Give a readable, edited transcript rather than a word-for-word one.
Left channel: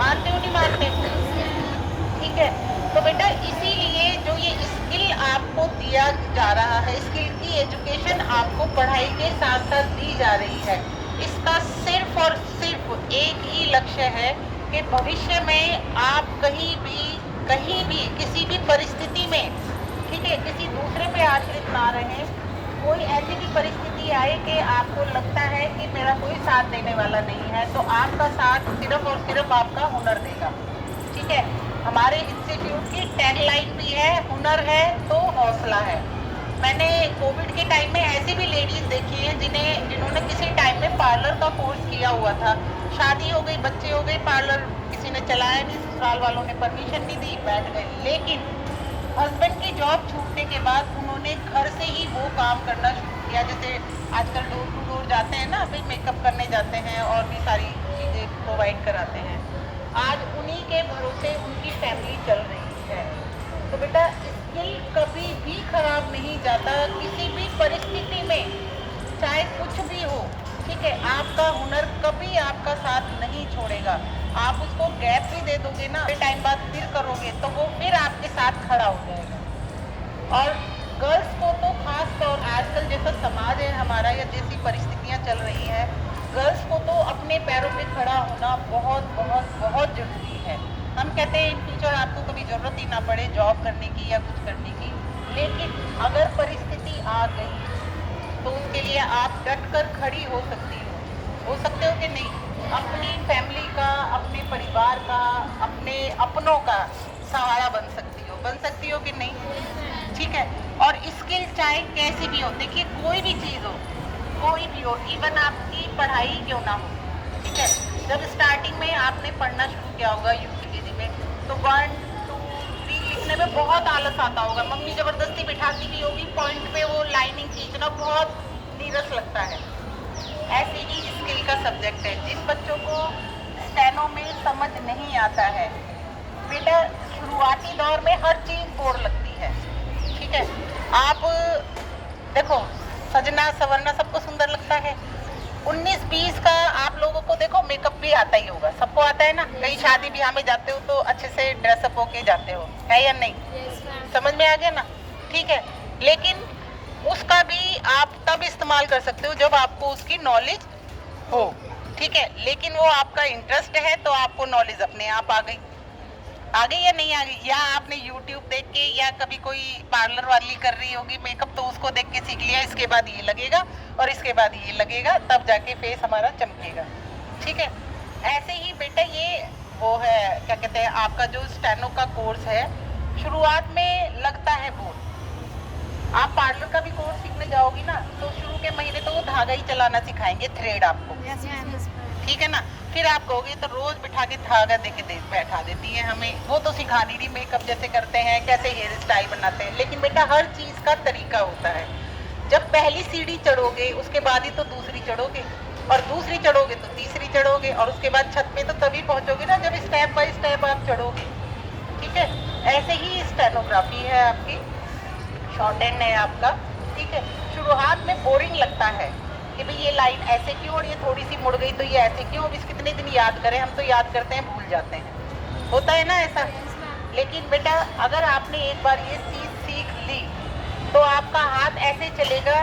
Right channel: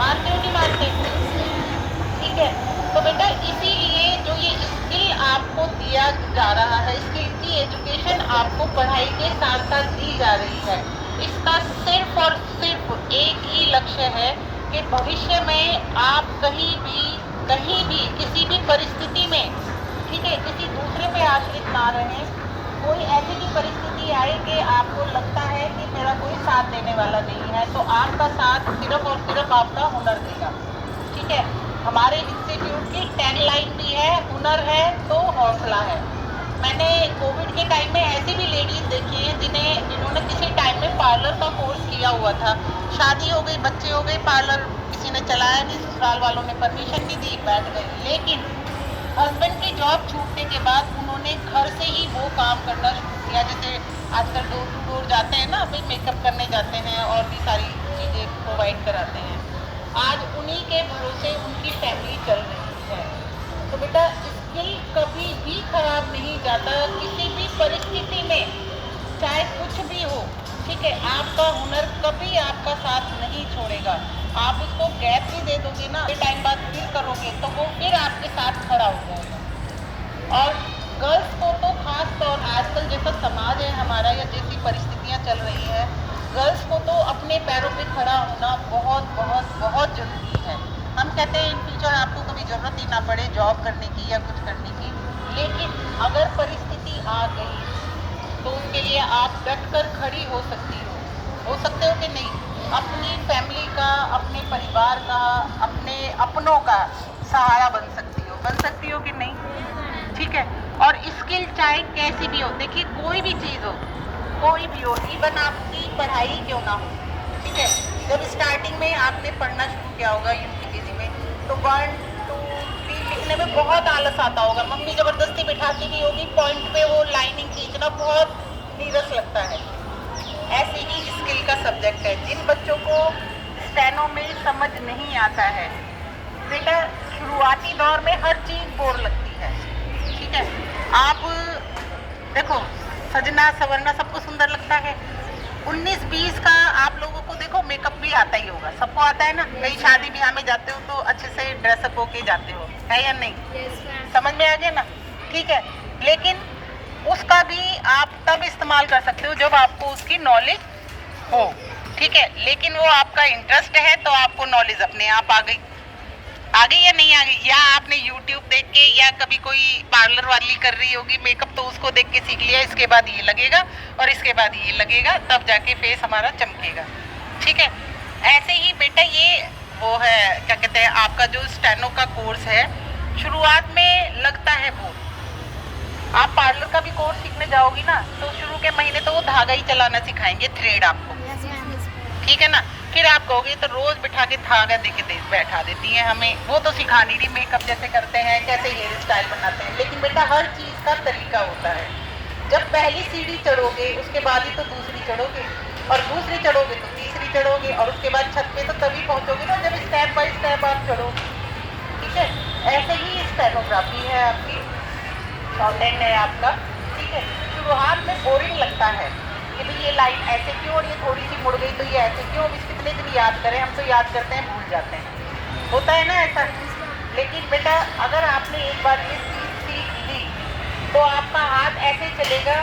मानते हो नहीं मानते? ठीक है। तो बेटा इसीलिए जो ये स्किल आपको दिया जा रहा है, स्किल की एजुकेशन आपको पढ़ाई के साथ साथ दी जा रही है, इसका सिर्फ और सिर्फ एक ही लक्ष्य है कि भविष्य में आप कहीं भी किसी भी परिस्थिति में, ठीक है, किसी दूसरे पे आश्रित ना रहें। कोई ऐसी भी परिस्थिति आए कि आपको लगता है कि मेरा कोई साथ देने वाला नहीं है, तो आपका साथ सिर्फ और सिर्फ आपका हुनर देगा। ठीक है। हमारे इंस्टीट्यूट की टैगलाइन भी है, हुनर है तो हौसला है। मैंने कोविड के टाइम में ऐसी भी लेडीज देखी हैं जिन्होंने किसी टाइम में पार्लर का कोर्स किया हुआ था, शादी हो गई, बच्चे हो गए, पार्लर किसी ने चलाया नहीं, ससुराल वालों ने परमिशन नहीं दी, बैठ गए। लेकिन हस्बैंड की जॉब छूटने के बाद उन्होंने घर से ही वो काम करना शुरू किया। जैसे आजकल डोर टू डोर जाते हैं ना, भाई मेकअप करने जाते हैं और भी सारी चीज़ें प्रोवाइड कराते हैं। आज उन्हीं के भरोसे उनकी फैमिली चल रही है। तो बेटा स्किल कभी भी खराब नहीं जाता, किसी भी परिस्थिति में, चाहे कुछ भी हो। ठीक है। आपका हुनर कभी आपका साथ नहीं छोड़ेगा। आप उसको गैप भी दे दोगे ना, टाइम बाद फिर करोगे तो वो फिर आपके साथ खड़ा हो जाएगा। और गर्ल्स को तो खास तौर, आजकल जैसा समाज है हमारा या जैसी परिस्थितियां चल रही हैं, गर्ल्स को तो अपने पैरों पे खड़ा होना बहुत बहुत बहुत जरूरी है। हम कहते हैं इन फ्यूचर आपको कभी जरूरत ही ना पड़े जॉब करने की या कुछ करने की, लेकिन अगर परिस्थिति आ गई तो उसके लिए आप डट कर खड़ी हो सकती हो सकते हो कि नहीं, अपनी फैमिली का, अपने परिवार का, अपने अपनों का सहारा बन सकती हो कि नहीं। ठीक है। और स्किल चाहे कैसी भी हो, देखिए कोई भी चीज़ हो, कोई भी हो, इवन आपकी पढ़ाई क्यों ना हो। ठीक है। जब स्टार्टिंग में आपने पढ़ना शुरू किया होगा यूकेजी में, तो 1 2 3 लिखने में बहुत आलस आता होगा, मम्मी जबरदस्ती बिठाती भी होगी, पॉइंट पे वो लाइनिंग खींचना बहुत नीरस लगता है। ऐसे ही स्किल का सब्जेक्ट है। जिन बच्चों को स्टेनो में समझ नहीं आता है, बेटा शुरुआती दौर में हर चीज़ बोर लगती है। ठीक है। आप देखो, सजना सवरना सबको सुंदर लगता है। 19-20 का आप लोगों को देखो मेकअप भी आता ही होगा, सबको आता है ना। कहीं शादी ब्याह में जाते हो तो अच्छे से ड्रेसअप होके जाते हो, है या नहीं? समझ में आ गया ना? ठीक है। लेकिन उसका भी आप तब इस्तेमाल कर सकते हो जब आपको उसकी नॉलेज हो। ठीक है। लेकिन वो आपका इंटरेस्ट है तो आपको नॉलेज अपने आप आ गई या नहीं आ गई, या आपने YouTube देख के, या कभी कोई पार्लर वाली कर रही होगी मेकअप तो उसको देख के सीख लिया, इसके बाद ये लगेगा और इसके बाद ये लगेगा, तब जाके फेस हमारा चमकेगा। ठीक है। ऐसे ही बेटा ये वो है, क्या कहते हैं, आपका जो स्टेनो का कोर्स है, शुरुआत में लगता है बोर। आप पार्लर का भी कोर्स सीखने जाओगी ना, तो शुरू के महीने तो वो धागा ही चलाना सिखाएंगे, थ्रेड आपको। ठीक है ना। फिर आप कहोगे तो रोज बिठा के धागा देके बैठा देती है हमें, वो तो सिखा नहीं रही, मेकअप जैसे करते हैं, कैसे हेयर स्टाइल बनाते हैं। लेकिन बेटा हर चीज का तरीका होता है। जब पहली सीढ़ी चढ़ोगे उसके बाद ही तो दूसरी चढ़ोगे, और दूसरी चढ़ोगे तो तीसरी चढ़ोगे, और उसके बाद छत पे तो तभी पहुंचोगे ना जब स्टेप बाय स्टेप आप चढ़ोगे। ठीक है। ऐसे ही स्टेनोग्राफी है आपकी, शॉर्ट हैंड है आपका। ठीक है। शुरुआत में बोरिंग लगता है कि भाई ये लाइन ऐसे क्यों, और ये थोड़ी सी मुड़ गई तो ये ऐसे क्यों, अब इस कितने दिन याद करें, हम तो याद करते हैं भूल जाते हैं, होता है ना ऐसा। लेकिन बेटा अगर आपने एक बार ये चीज़ सीख ली तो आपका हाथ ऐसे चलेगा